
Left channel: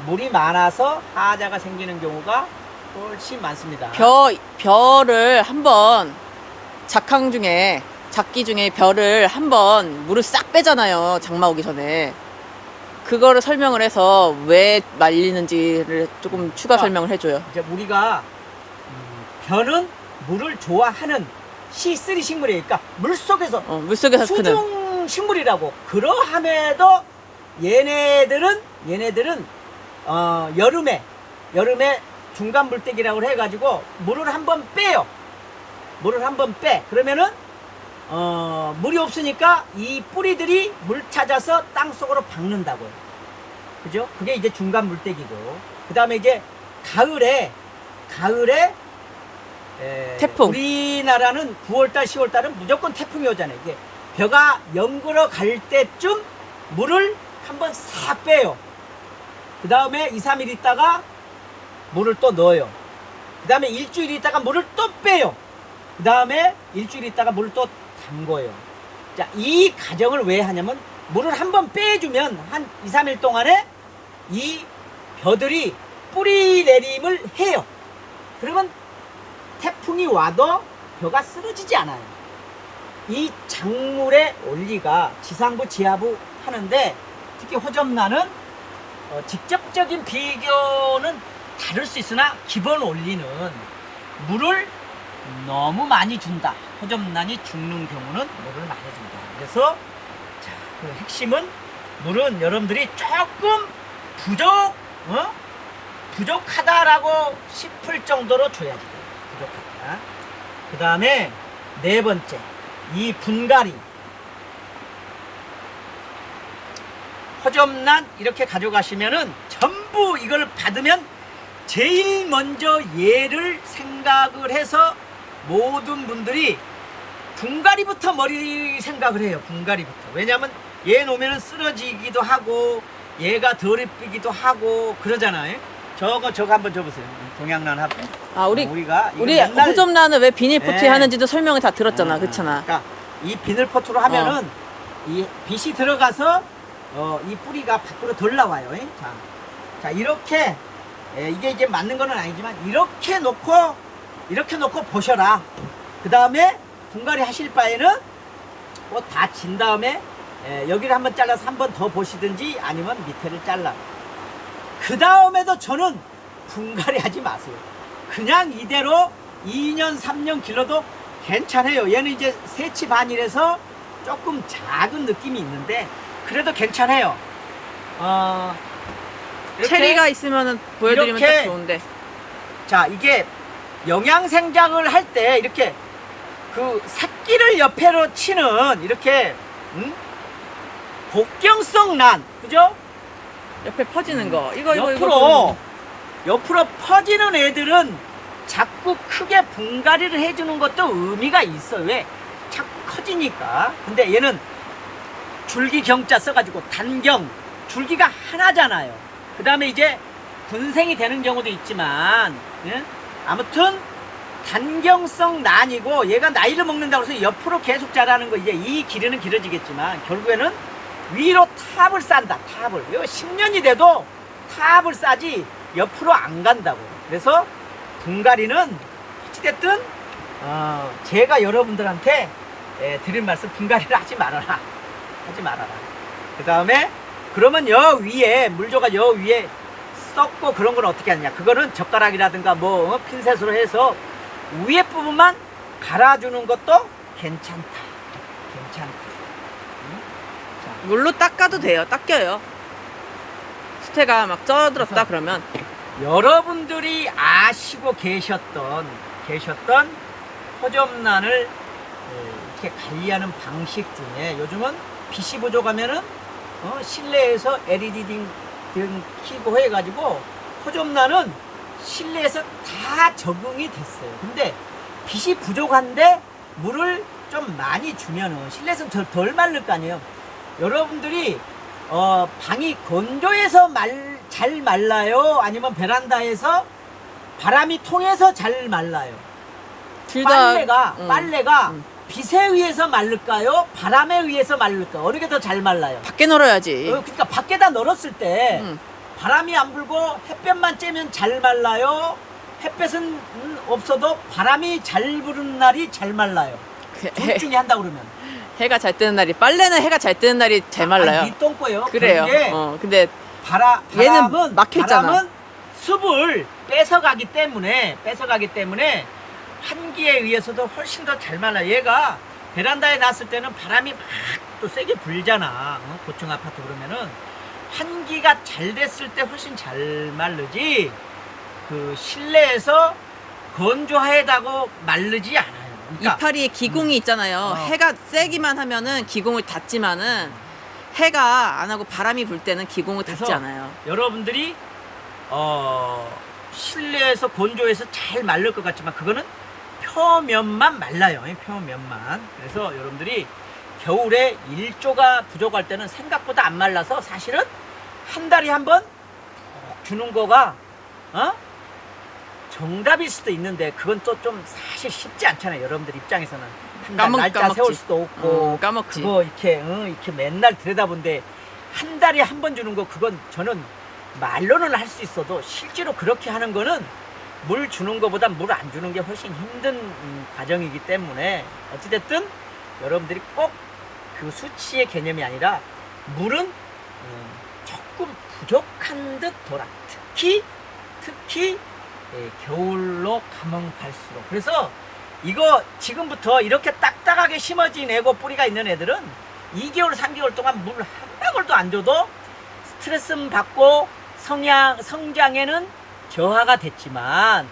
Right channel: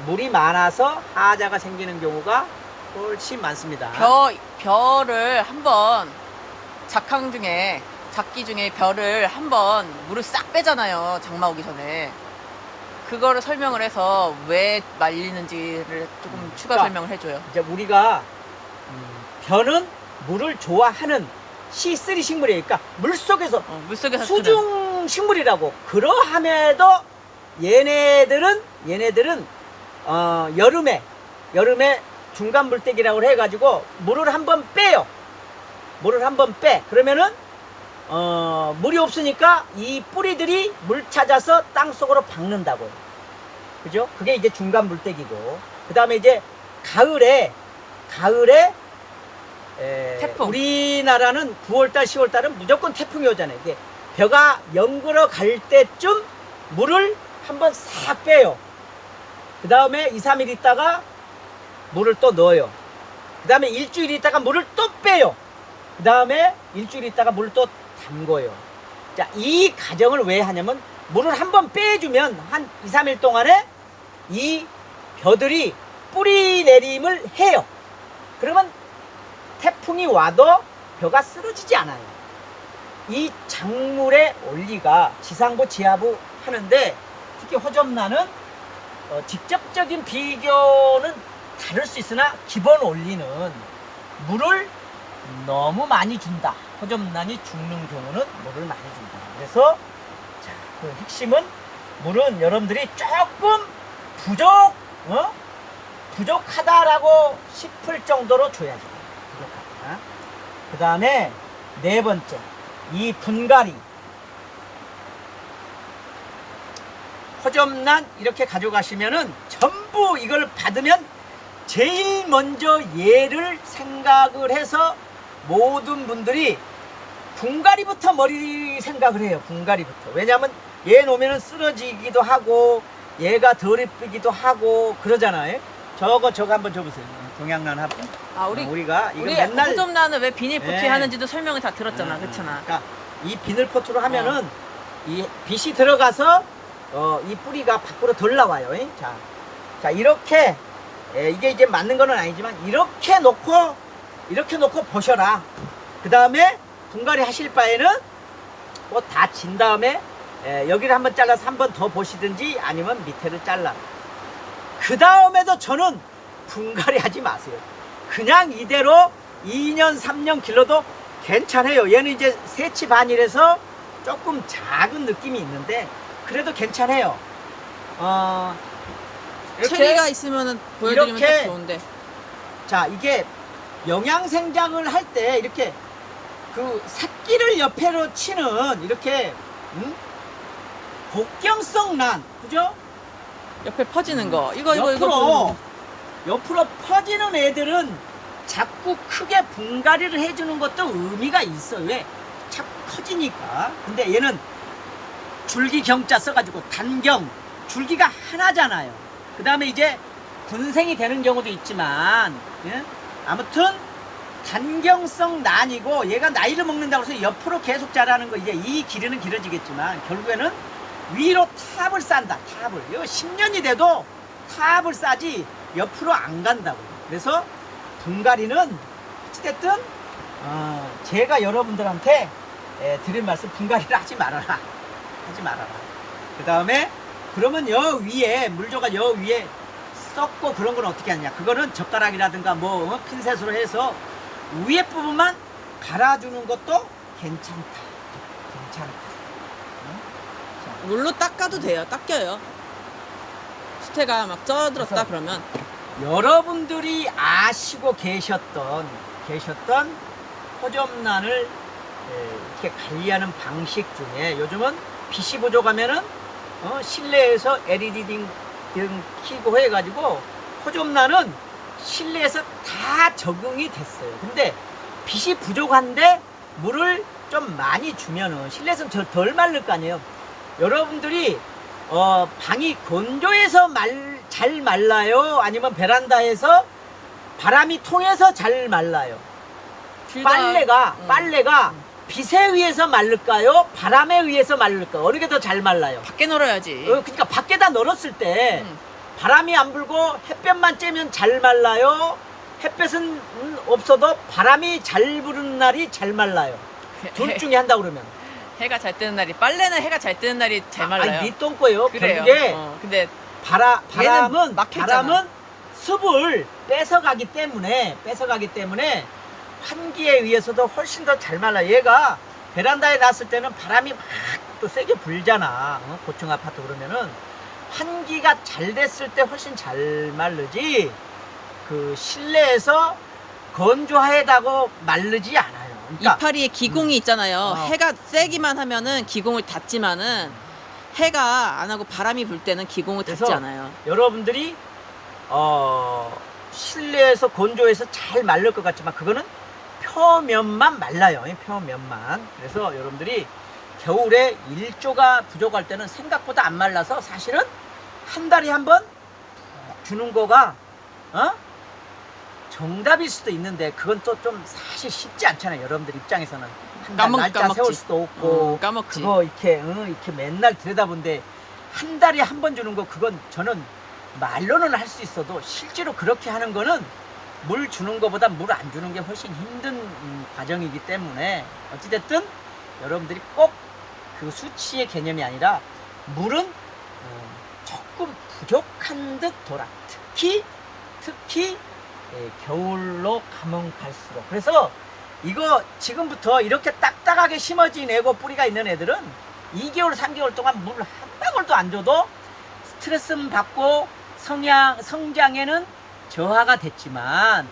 물이 많아서 하자가 생기는 경우가 훨씬 많습니다. 벼를 한번 작황 중에 작기 중에 별을 한번 물을 싹 빼잖아요. 장마 오기 전에. 그거를 설명을 해서 왜 말리는지를 조금 추가 그러니까 설명을 해줘요. 이제 우리가 벼는 물을 좋아하는 C3 식물이니까 물 속에서 물속에서 크는. 수중 식물이라고. 그러함에도 얘네들은 여름에 중간 물때기라고 해가지고 물을 한번 빼요. 물을 한번 빼. 그러면은 물이 없으니까 이 뿌리들이 물 찾아서 땅 속으로 박는다고요. 그죠? 그게 이제 중간 물때기고. 그 다음에 이제 가을에 태풍. 우리나라는 9월달, 10월달은 무조건 태풍이 오잖아요. 이게 벼가 연그러 갈 때쯤 물을 한번 싹 빼요. 그 다음에 2, 3일 있다가 물을 또 넣어요. 그 다음에 일주일 있다가 물을 또 빼요. 그 다음에 일주일 있다가 물을 또 담궈요. 자, 이 과정을 왜 하냐면 물을 한번 빼주면 한 2, 3일 동안에 이 벼들이 뿌리 내림을 해요. 그러면 태풍이 와도 벼가 쓰러지지 않아요. 이 작물의 원리가 지상부, 지하부 하는데 특히 호접란은 직접적인 비교는 다를 수 있으나 기본 원리는 물을 너무 많이 준다. 호접란이 죽는 경우는 물을 많이 준다. 그래서 자, 그 핵심은 물은 여러분들이 조금 부족하다라고 싶을 정도로 줘야지. 부족하다. 그 다음에 네 번째, 이 분갈이. 호접란 이렇게 가져가시면은 전부 이걸 받으면 제일 먼저 얘를 생각을 해서 모든 분들이 분갈이부터 머리 생각을 해요. 분갈이부터. 왜냐하면 얘 놓으면 쓰러지기도 하고 얘가 덜 이쁘기도 하고 그러잖아요. 저거 한번 줘보세요. 동양란 합병. 우리가 이거 우리 맨날 호접란은 왜 비닐포트 네. 하는지도 설명을 다 들었잖아. 그렇잖아. 그러니까 이 비닐포트로 하면은 이 빛이 들어가서 이 뿌리가 밖으로 덜 나와요. 자 이렇게 이게 이제 맞는 거는 아니지만 이렇게 놓고 보셔라. 그 다음에 분갈이 하실 바에는 뭐 다 진 다음에 여기를 한번 잘라서 한 번 더 보시든지 아니면 밑에를 잘라. 그 다음에도 저는 분갈이 하지 마세요. 그냥 이대로 2년 3년 길러도 괜찮아요. 얘는 이제 세치 반이라서 조금 작은 느낌이 있는데 그래도 괜찮아요. 체리가 있으면 보여드리면 이렇게 딱 좋은데. 자, 이게 영양생장을 할 때 이렇게 그 새끼를 옆으로 치는 이렇게 복경성 란, 그죠? 옆에 퍼지는 거. 이거 옆으로 퍼지는 애들은 자꾸 크게 분갈이를 해주는 것도 의미가 있어. 왜? 자꾸 커지니까. 근데 얘는 줄기 경자 써가지고 단경, 줄기가 하나잖아요. 그 다음에 이제 군생이 되는 경우도 있지만, 예? 아무튼 단경성 난이고 얘가 나이를 먹는다고 해서 옆으로 계속 자라는 거, 이제 이 길이는 길어지겠지만 결국에는 위로 탑을 싼다. 탑을. 이거 10년이 돼도 탑을 싸지 옆으로 안 간다고. 그래서 분갈이는 어찌됐든 제가 여러분들한테 드린 말씀, 분갈이를 하지 말아라. 그 다음에 그러면 여 위에 물조가 여 위에 썩고 그런 건 어떻게 하느냐. 그거는 젓가락이라든가 뭐 핀셋으로 해서 위에 부분만 갈아주는 것도 괜찮다. 물로 닦아도 돼요. 닦여요. 수태가 막 쪄들었다 그러면. 여러분들이 아시고 계셨던 호접란을 이렇게 관리하는 방식 중에 요즘은 빛이 부족하면은 실내에서 LED 등 켜고 해가지고 호접란은 실내에서 다 적응이 됐어요. 근데 빛이 부족한데 물을 좀 많이 주면은 실내에서는 덜 마를 거 아니에요. 여러분들이 방이 건조해서 잘 말라요? 아니면 베란다에서 바람이 통해서 잘 말라요? 빨래가 빛에 의해서 말릴까요? 바람에 의해서 말릴까요? 어느 게 더 잘 말라요? 밖에 널어야지. 그러니까 밖에다 널었을 때 바람이 안 불고 햇볕만 쬐면 잘 말라요? 햇볕은 없어도 바람이 잘 부는 날이 잘 말라요. 둘 중에 한다 그러면. 해가 잘 뜨는 날이, 빨래는 해가 잘 뜨는 날이 잘 말라요. 니 똥꼬예요. 그래요. 그런데 근데 바람은 막혀있잖아. 바람은 습을 뺏어가기 때문에 환기에 의해서도 훨씬 더 잘 말라. 얘가 베란다에 놨을 때는 바람이 막 또 세게 불잖아. 고층 아파트 그러면은 환기가 잘 됐을 때 훨씬 잘 마르지. 그 실내에서 건조하다고 마르지 않아요. 그러니까 이파리에 기공이 있잖아요. 해가 세기만 하면은 기공을 닫지만은 해가 안 하고 바람이 불 때는 기공을 닫지 그래서 않아요. 여러분들이 실내에서 건조해서 잘 말릴 것 같지만 그거는 표면만 말라요. 표면만. 그래서 여러분들이 겨울에 일조가 부족할 때는 생각보다 안 말라서 사실은 한 달에 한 번 주는 거가 정답일 수도 있는데 그건 또 좀 사실 쉽지 않잖아요. 여러분들 입장에서는 한 달 날짜 까먹지. 세울 수도 없고 까먹지. 그거 이렇게 맨날 들여다본데 한 달에 한 번 주는 거 그건 저는 말로는 할 수 있어도 실제로 그렇게 하는 거는 물 주는 거보다 물 안 주는 게 훨씬 힘든 과정이기 때문에 어찌됐든 여러분들이 꼭 그 수치의 개념이 아니라 물은 조금 부족한 듯 돌아. 특히 겨울로 가면 갈수록. 그래서 이거 지금부터 이렇게 딱딱하게 심어지내고 뿌리가 있는 애들은 2개월 3개월 동안 물 한 방울도 안 줘도 스트레스 받고 성장에는 저하가 되겠지만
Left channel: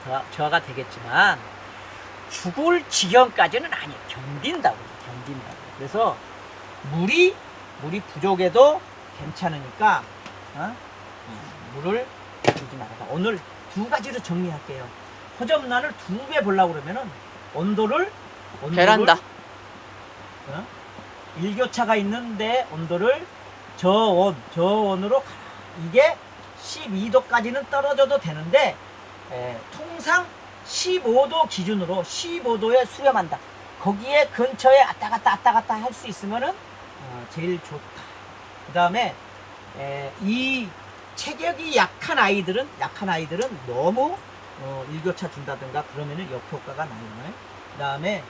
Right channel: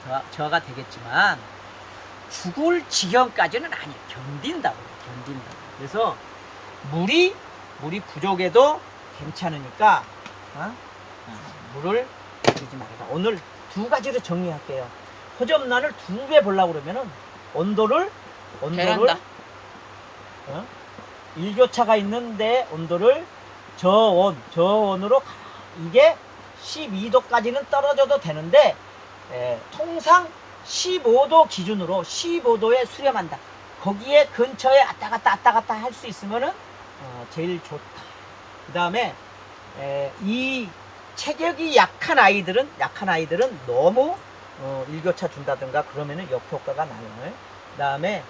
죽을 지경까지는 아니에요. 견딘다고. 그래서 물이 부족해도 괜찮으니까 물을 주지 말아라. 오늘 두 가지로 정리할게요. 호접란을 2배 보려고 그러면은 온도를 베란다. 일교차가 있는데 온도를 저온으로 가라. 이게 12도까지는 떨어져도 되는데 통상 15도 기준으로 15도에 수렴한다. 거기에 근처에 왔다 갔다 할 수 있으면은 제일 좋다. 그 다음에 이 체격이 약한 아이들은 너무 일교차 준다든가 그러면은 역효과가 나요. 그 다음에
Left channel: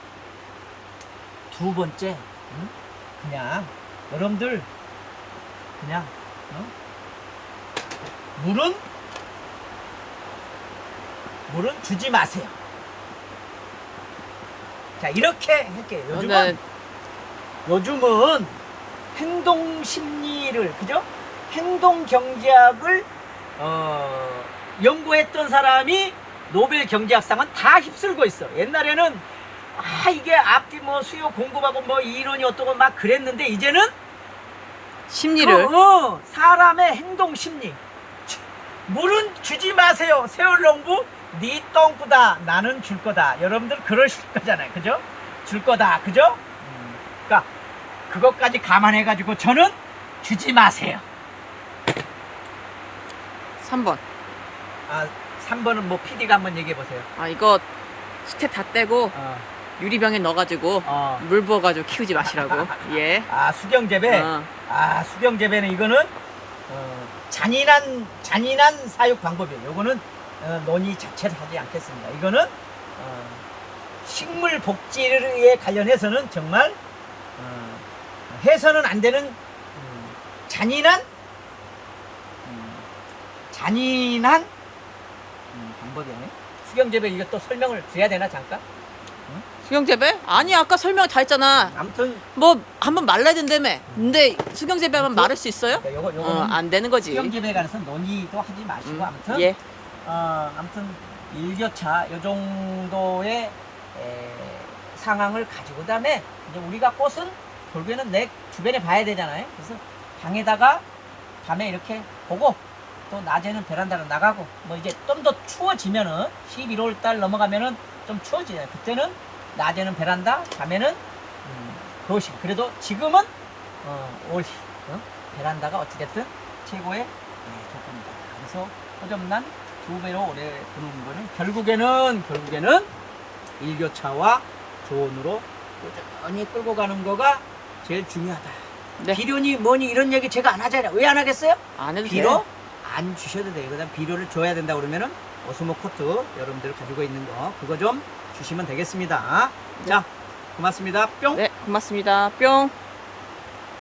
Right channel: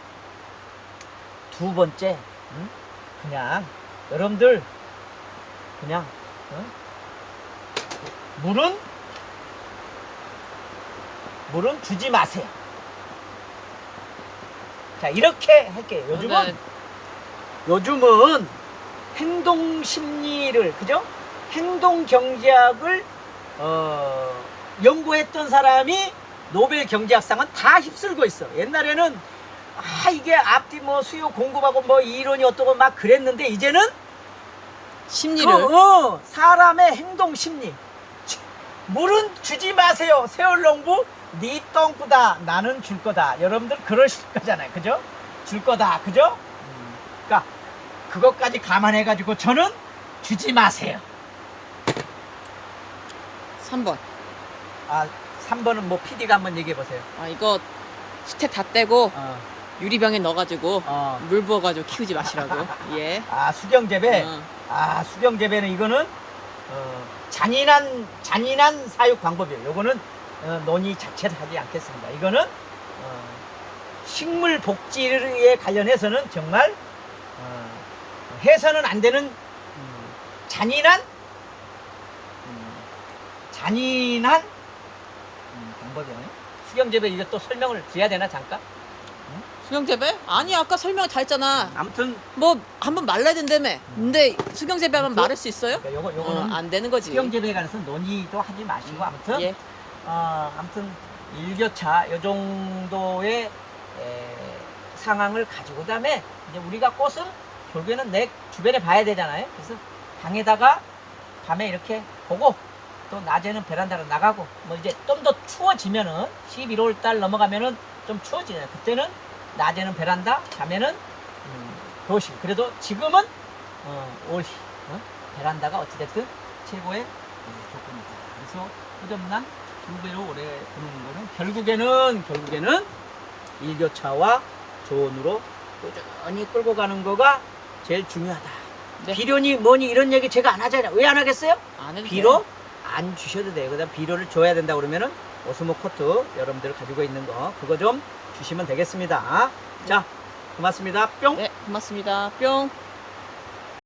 두 번째, 그냥 여러분들 그냥 물은 주지 마세요. 자, 이렇게 할게요. 요즘은 행동 심리를, 그죠? 행동 경제학을 연구했던 사람이 노벨 경제학상은 다 휩쓸고 있어. 옛날에는 이게 앞뒤 수요 공급하고 이론이 어떠고 막 그랬는데 이제는 심리를 사람의 행동 심리. 물은 주지 마세요. 세월농부 네 똥꾸다 나는 줄 거다. 여러분들 그러실 거잖아요. 그죠? 줄 거다. 그죠? 그러니까 그것까지 감안해가지고 저는 주지 마세요. 3번. 3번은 PD가 한번 얘기해 보세요. 이거 수태 다 떼고 유리병에 넣어가지고 물 부어가지고 키우지 마시라고. 예. 수경재배. 수경재배는 이거는 잔인한 사육 방법이에요. 요거는 논의 자체를 하지 않겠습니다. 이거는 식물 복지에 관련해서는 정말 해서는 안 되는 잔인한 방법이에요. 수경재배 이거 또 설명을 드려야 되나 잠깐? 수경재배? 아니 아까 설명 다 했잖아. 아무튼 한번 말라야 된다며. 근데 수경재배하면 마를 수 있어요? 그러니까 요거는 안 되는 거지. 수경재배에 관해서 논의도 하지 마시고 아무튼 예. 아무튼 일교차 요 정도의 상황을 가지고 그다음에 이제 우리가 꽃은 결국에는 내 주변에 봐야 되잖아요. 그래서 방에다가 밤에 이렇게 보고 또 낮에는 베란다로 나가고 이제 좀 더 추워지면은 11월 달 넘어가면은 좀 추워지잖아요. 그때는 낮에는 베란다, 밤에는 거실. 그래도 지금은 올해 베란다가 어찌됐든 최고의 조건이다. 그래서 호접란 2배로 오래 보는 거는 결국에는 일교차와 조온으로 꾸준히 끌고 가는 거가 제일 중요하다. 네. 비료니 뭐니 이런 얘기 제가 안 하잖아요. 왜 안 하겠어요? 안 해도 비료 안 주셔도 돼요. 그다음 비료를 줘야 된다 그러면은 오스모 코트 여러분들 가지고 있는 거 그거 좀 주시면 되겠습니다. 자, 고맙습니다. 뿅. 네, 고맙습니다. 뿅.